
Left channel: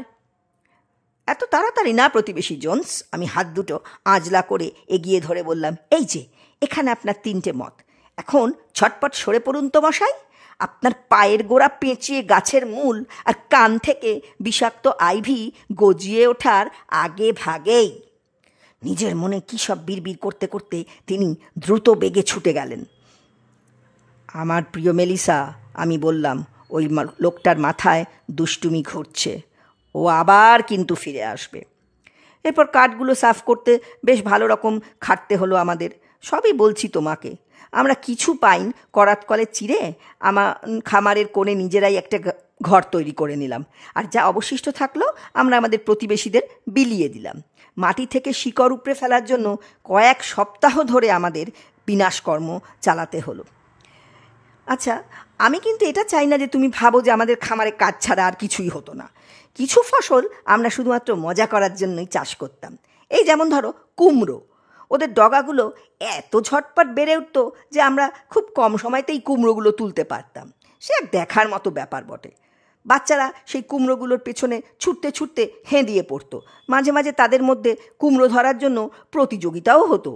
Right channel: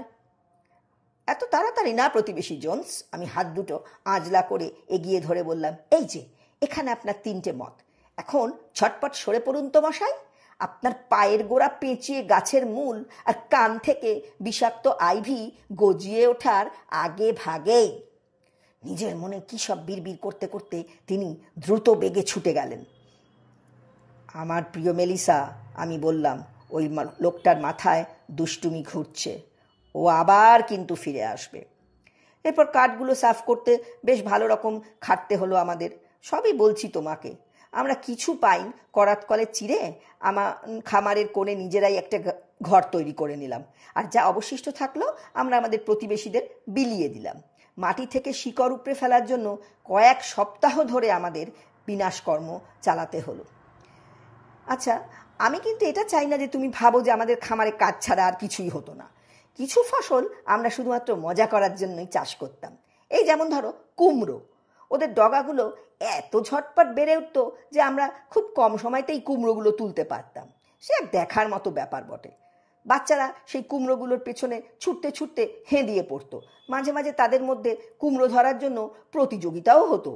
এত তাড়াতাড়ি না প্রতিবেশী জোন্স, আমি হাত দুটো আঁজলা করে এগিয়ে ধরে বললাম, এই যে এখানে আপনার 3টে মদ। এখন ছটপট সরে পড়ুন তো মশাই। আপনার পায়ের গোড়া পেঁচিয়ে গাছের মূল আর কান থেকে বিষাক্ত আইভি গজিয়ে ওঠার আগে ভাগেই। নিজের মনে কী সব বিড়বিড় করতে করতে তিনি দ্রুত বেগে ছুটে গেলেন। আমার প্রিয় মেলিসা, আমি বললাম, ওই লোকটার মাথায় দুষ্টুমি ঘুরছে। ও আবার কিন্তু ফিরে আসবে। এরপর কাঠগুলো সাফ করতে বেশ ভালো রকম খাটতে হলো আমাদের। সবই বলছি তোমাকে। আমরা কিছু পাইন করাত কলে চিরে আমার খামারের কোণে নিজেরাই একটা ঘর তৈরি করে নিলাম। আর যা অবশিষ্ট থাকলো আমরা আমাদের প্রতিবেশীদের বিলিয়ে দিলাম। মাটি থেকে শিকড় উপড়ে ফেলার জন্য কয়েক সপ্তাহ ধরে আমাদের বিনাশকর্ম চালাতে হলো। আচ্ছা, আমি কিন্তু এটা চাই না যে তুমি ভাবো যে আমাদের খামারে কাজ ছাড়া আর কিছুই হতো না। কিছু ফসল আমরা শুধুমাত্র মজা করার জন্যই চাষ করতাম। এই যেমন ধরো কুমড়ো। ওদের ডগাগুলো এত ঝটপট বেড়ে উঠতো যে আমরা খুব কম সময়তেই কুমড়োগুলো তুলতে পারতাম। সে এক দেখার মতো ব্যাপার বটে। বাচ্চারা সেই কুমড়োগুলোর পেছনে ছুটতে ছুটতে হেঁদিয়ে পড়তো। মাঝে মাঝে তাদের মধ্যে কুমড়ো ধরার জন্য প্রতিযোগিতাও হতো।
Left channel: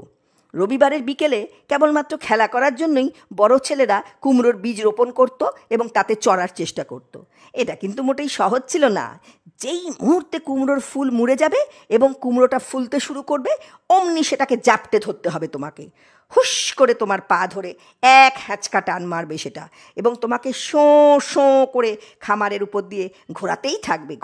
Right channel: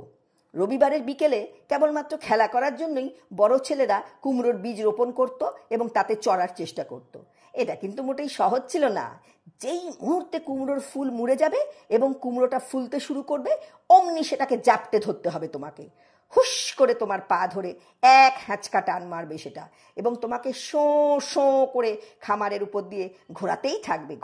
রবিবারের বিকেলে কেবলমাত্র খেলা করার জন্যই বড় ছেলেরা কুমড়োর বীজ রোপণ করত এবং তাতে চড়ার চেষ্টা করত। এটা কিন্তু মোটেই সহজ ছিল না। যেই মুহূর্তে কুমড়োর ফুল মুড়ে যাবে এবং কুমড়োটা ফুলতে শুরু করবে, অমনি সেটাকে জাপটে ধরতে হবে তোমাকে। হুশ করে তোমার পা ধরে এক হ্যাঁচকা টান মারবে সেটা এবং তোমাকে শোঁ শোঁ করে খামারের উপর দিয়ে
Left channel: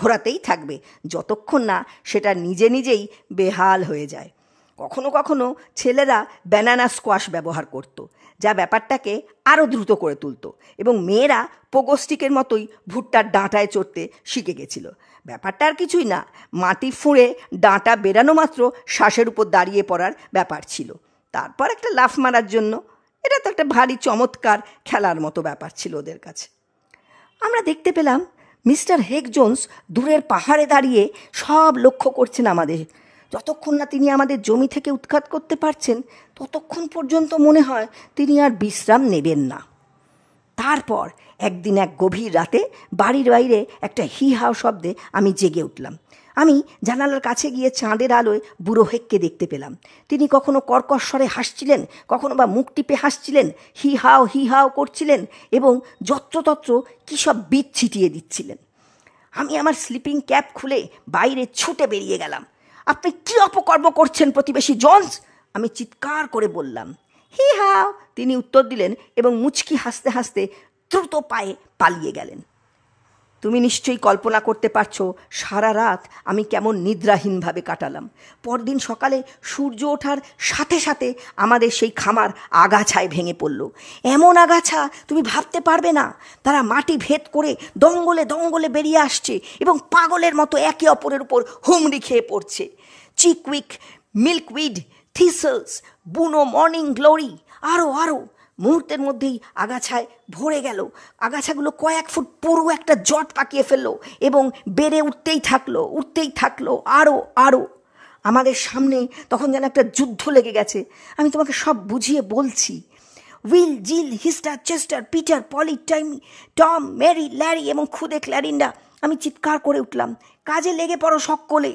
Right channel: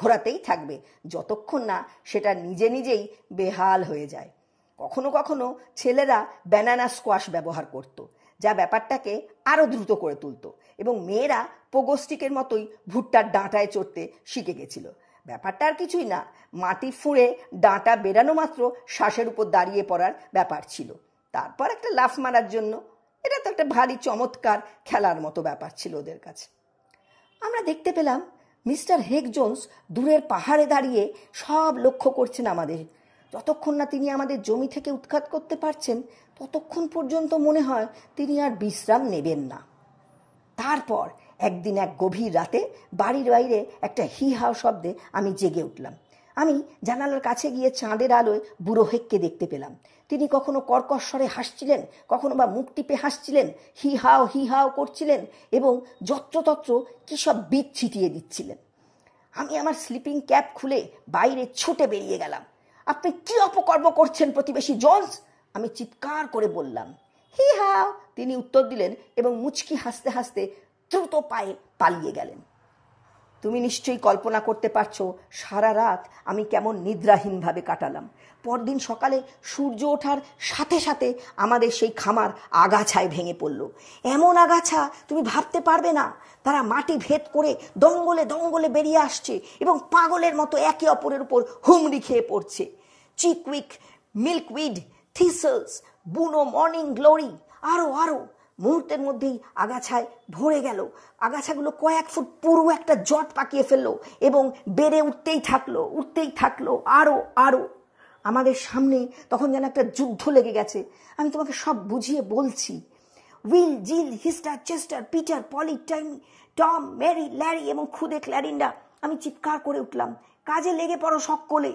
ঘোরাতেই থাকবে যতক্ষণ না সেটা নিজে নিজেই বেহাল হয়ে যায়। কখনো কখনো ছেলেরা ব্যানানা স্কোয়াশ ব্যবহার করত, যা ব্যাপারটাকে আরও দ্রুত করে তুলত, এবং মেয়েরা পোগোস্টিকের মতোই ভুট্টার ডাঁটায় চড়তে শিখে গেছিল। ব্যাপারটা আর কিছুই না, মাটি ফুঁড়ে ডাঁটা বেরানো মাত্র শ্বাসের উপর দাঁড়িয়ে পড়ার ব্যাপার ছিল, তারপর একটা লাফ মারার জন্য। এটা তো একটা ভারী চমৎকার খেলার মতো ব্যাপার ছিল ওদের কাছে। আমরা দেখতে পেলাম মিস্টার হেগ জোন্স দূরের পাহাড়ে দাঁড়িয়ে সব লক্ষ্য করছেন আমাদের। যতক্ষণ না তিনি আমাদের জমি থেকে উৎখাত করতে পারছেন ততক্ষণ পর্যন্ত মনে হয় তিনি আর বিশ্রাম নেবেন না। তারপর একদিন এক গভীর রাতে বাড়ির বাইরে একটা হি হাও শব্দে আমি জেগে উঠলাম। আমি জানালার কাছে গিয়ে চাঁদের আলোয় বুড়ো হেগকে দেখতে পেলাম। তিনি কখনো কর্কশ স্বরে হাসছিলেন, কখনো বা মুখ টিপে হাসছিলেন, হি হাও করছিলেন এবং যত্রতত্র কী সব বীজ ছিটিয়ে দিচ্ছিলেন। আমি আমার স্লিপিং ক্যাপ খুলে বাইরে ছুটে বেরিয়ে গেলাম। আপনি কী অপকর্ম করছেন প্রতিবেশী জোন্স, আমি চিৎকার করে বললাম। হি হাও, তিনি উত্তর দিলেন এবং মুচকি হাসতে হাসতে দ্রুত পায়ে পালিয়ে গেলেন। তুমি নিশ্চয়ই কল্পনা করতে পারছো সারা রাত আমি কেমন নিদ্রাহীনভাবে কাটালাম। পরদিন সকালে সূর্য ওঠার সাথে সাথে আমাদের সেই খামার আগাছায় ভেঙে পড়ল। এমন আগাছা তুমি ভাবতে পারবে না। তারা মাটি ভেদ করে দঙ্গলে দঙ্গলে বেরিয়ে আসছে এবং পাগলের মতো একে অপরের উপর হুমড়ি খেয়ে পড়ছে। চিকউইক, মিল্কউইড, থিসলস, বুনো মর্নিং গ্লোরি, আরও মুহূর্তের মধ্যেই আগাছায় ভরে গেল। আগাছাগুলো কয়েক ফুট পুরো একটা জট পাকিয়ে ফেললো এবং বেড়ে উঠতেই থাকলো আরও। আমাদের সামনে তখন যেন একটা যুদ্ধ লেগে গেছে। আমি তোমাকে সব বুঝিয়ে বলছি। Will, Jill, Hester, Chester, Peter, Polly, Tom, Mary, Larry এবং খুদে ক্ল্যারিন্ডা। আমি চিৎকার করে উঠলাম, কাজে লেগে পড়ো সকলে।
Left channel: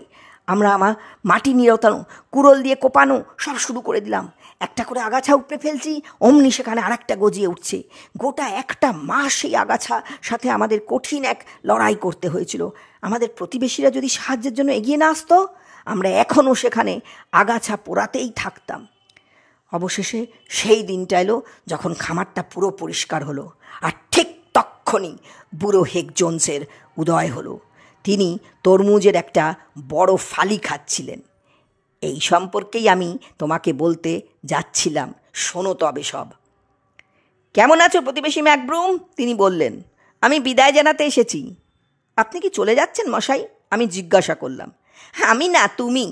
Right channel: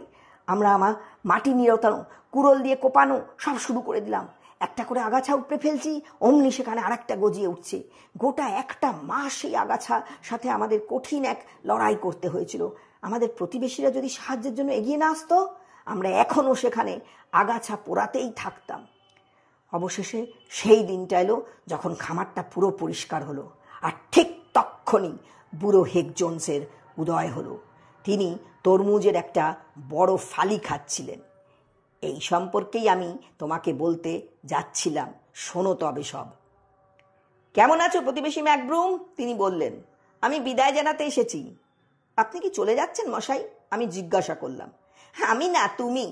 আমরা আমার মাটি নিরতানো, কুড়োল দিয়ে কোপানো সব শুরু করে দিলাম। একটা করে আগাছা উপড়ে ফেলছি, অমনি সেখানে আরেকটা গজিয়ে উঠছে। গোটা একটা মাস সেই আগাছা সাথে আমাদের কঠিন এক লড়াই করতে হয়েছিল। আমাদের প্রতিবেশীরা যদি সাহায্যের জন্য এগিয়ে না আসতো, আমরা এখনও সেখানে আগাছা পোড়াতেই থাকতাম। অবশেষে সেই দিনটা এলো যখন খামারটা পুরো পরিষ্কার হলো, আর ঠিক তক্ষণই বুড়ো হেগ জোন্সের উদয় হলো। তিনি তরমুজের একটা বড় ফালি খাচ্ছিলেন। এই সম্পর্কেই আমি তোমাকে বলতে যাচ্ছিলাম, শোনো তবে সব। কেমন আছো প্রতিবেশী ম্যাকব্রুম? তিনি বললেন। আমি বিদায় জানাতে এসেছি। আপনি কি চলে যাচ্ছেন মশাই? আমি জিজ্ঞাসা করলাম। আমি না, তুমি।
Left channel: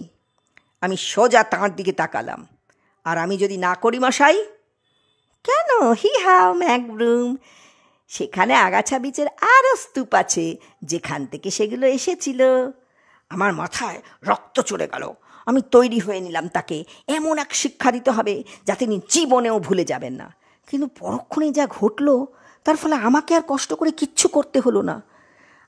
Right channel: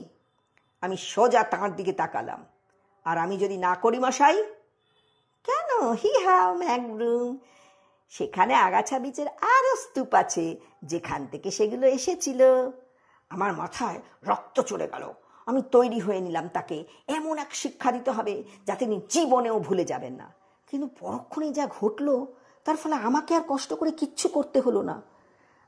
আমি সোজা তাঁর দিকে তাকালাম। আর আমি যদি না করি মশাই? কেন? হি হাও ম্যাকব্রুম, সেখানে আগাছা বীচের আরও স্তূপ আছে, যেখান থেকে সেগুলো এসেছিল। আমার মাথায় রক্ত চড়ে গেল। আমি তৈরি হয়ে নিলাম তাকে এমন এক শিক্ষা দিতে হবে যা তিনি জীবনেও ভুলে যাবেন না। কিন্তু পরক্ষণেই যা ঘটল, তার ফলে আমাকে আর কষ্ট করে কিচ্ছু করতে হলো না।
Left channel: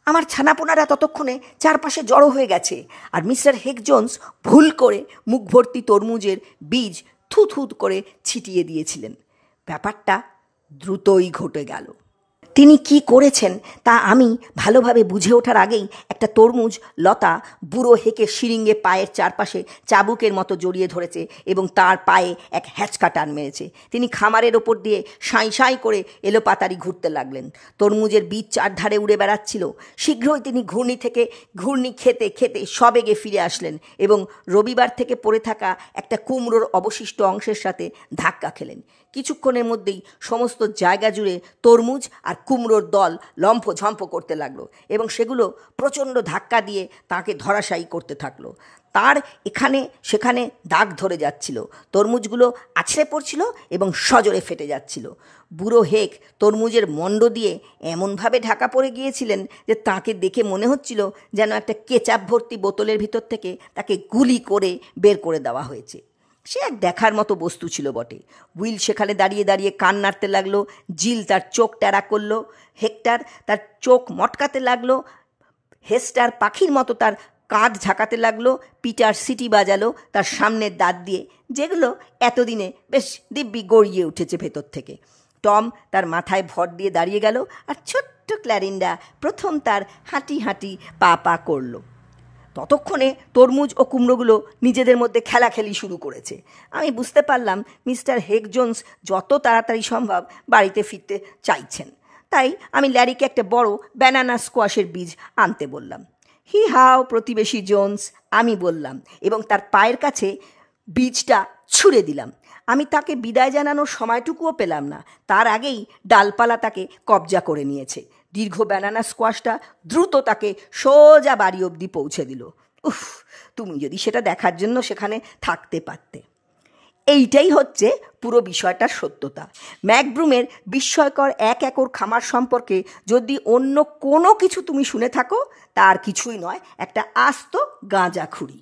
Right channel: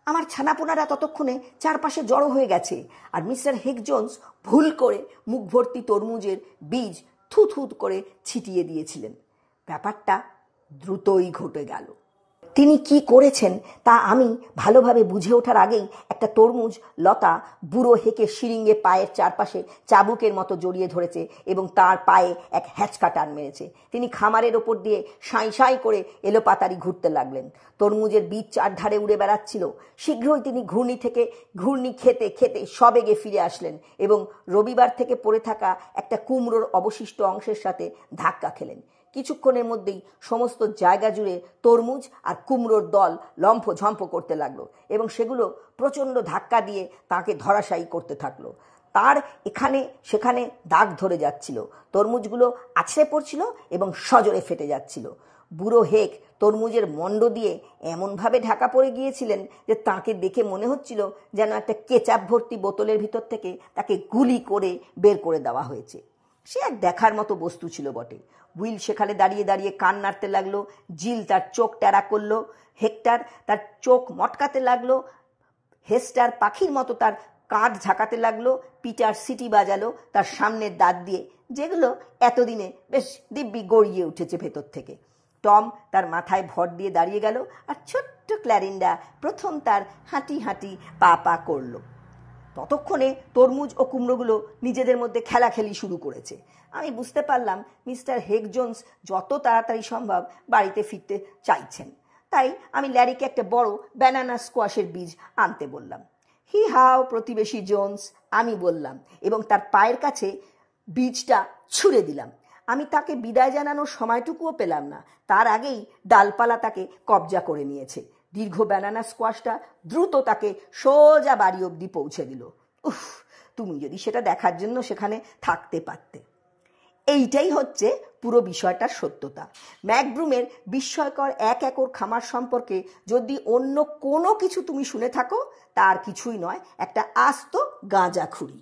আমার ছানাপোনারা ততক্ষণে চারপাশে জড়ো হয়ে গেছে, আর মিস্টার হেগ জোন্স ভুল করে মুখ ভর্তি তরমুজের বীজ থুথু করে ছিটিয়ে দিয়েছিলেন। ব্যাপারটা দ্রুতই ঘটে গেল। তিনি কি করেছেন তা আমি ভালোভাবে বুঝে ওঠার আগেই একটা তরমুজ লতা বুড়ো হেঁকে শিরিঙ্গে পায়ের চারপাশে চাবুকের মতো জড়িয়ে ধরেছে এবং তার পায়ে এক হ্যাঁচকা টান মেরেছে। তিনি খামারের ওপর দিয়ে সাঁই সাঁই করে এলোপাতাড়ি ঘুরতে লাগলেন। তরমুজের বীজ চারধারে উড়ে বেড়াচ্ছিল। শীঘ্রই তিনি ঘূর্ণি খেতে খেতে সবেগে ফিরে আসলেন এবং রবিবার থেকে পড়ে থাকা একটা কুমড়োর অবশিষ্ট অংশের সাথে ধাক্কা খেলেন। কিছুক্ষণের মধ্যেই সমস্ত জায়গা জুড়ে তরমুজ আর কুমড়োর দল লম্ফঝম্প করতে লাগলো এবং সেগুলো প্রচণ্ড ধাক্কা দিয়ে তাকে ধরাশায়ী করতে থাকলো। তার এখানে সেখানে দাগ ধরে যাচ্ছিল, তরমুজগুলো আছড়ে পড়ছিল এবং সজোরে ফেটে যাচ্ছিল। বুড়ো হেক তরমুজের মণ্ড দিয়ে এমনভাবে ঢাকা পড়ে গিয়েছিলেন যে তাকে দেখে মনে হচ্ছিল যেন একটা কেচাপ ভর্তি বোতলের ভিতর থেকে তাকে গুলি করে বের করে দেওয়া হয়েছে। সে এক দেখার মতো বস্তু ছিল বটে। উইল সেখানে দাঁড়িয়ে দাঁড়িয়ে কান নাড়তে লাগলো, জিল তার চোখ ট্যারা করলো, হেক্টর তার চোখ মটকাতে লাগলো, হেস্টার পাখির মতো তার কাঁধ ঝাঁকাতে লাগলো, পিটার সিটি বাজালো তার সামনের দাঁত দিয়ে, যেগুলো এতদিনে বেশ দিব্যি গড়িয়ে উঠেছে ভেতর থেকে। টম তার মাথায় ভর দিয়ে দাঁড়িয়ে গেল, আর ছোট্ট ক্ল্যারিন্ডা প্রথম তার হাঁটি হাঁটি পা করলো। ততক্ষণে তরমুজ ও কুমড়োগুলো নিজেদের মধ্যে খেলাখেলি শুরু করেছে। আমি বুঝতে পারলাম মিস্টার হেগ জোন্স যত তাড়াতাড়ি সম্ভব বাড়িতে ফিরতে চাইছেন। তাই আমি ল্যারিকে একটা বড় ব্যানানা স্কোয়াশের বীজ আনতে বললাম। হি হাও প্রতিবেশী জোন্স, আমি বললাম, এবং তার পায়ের কাছে বীজটা ছুঁড়ে দিলাম। আমি তাকে বিদায় জানানোর সময়টুকুও পেলাম না, তার আগেই ডালপালা তাকে কবজা করে নিয়েছে। দীর্ঘ ব্যানানা স্কোয়াশটা দ্রুত তাকে সোজা বাড়ি অবধি পৌঁছে দিল। উফ, তুমি যদি সেটা দেখার জন্য সেখানে থাকতে পারতে। এইটাই হচ্ছে পুরো বিষয়টার সত্যতা। ম্যাকব্রুমের বিস্ময়কর 1 একর খামার সম্পর্কে যদি অন্য কোনো কিছু তুমি শুনে থাকো, তার কিছুই নয়, একটা আস্ত গাঁজাখুরি।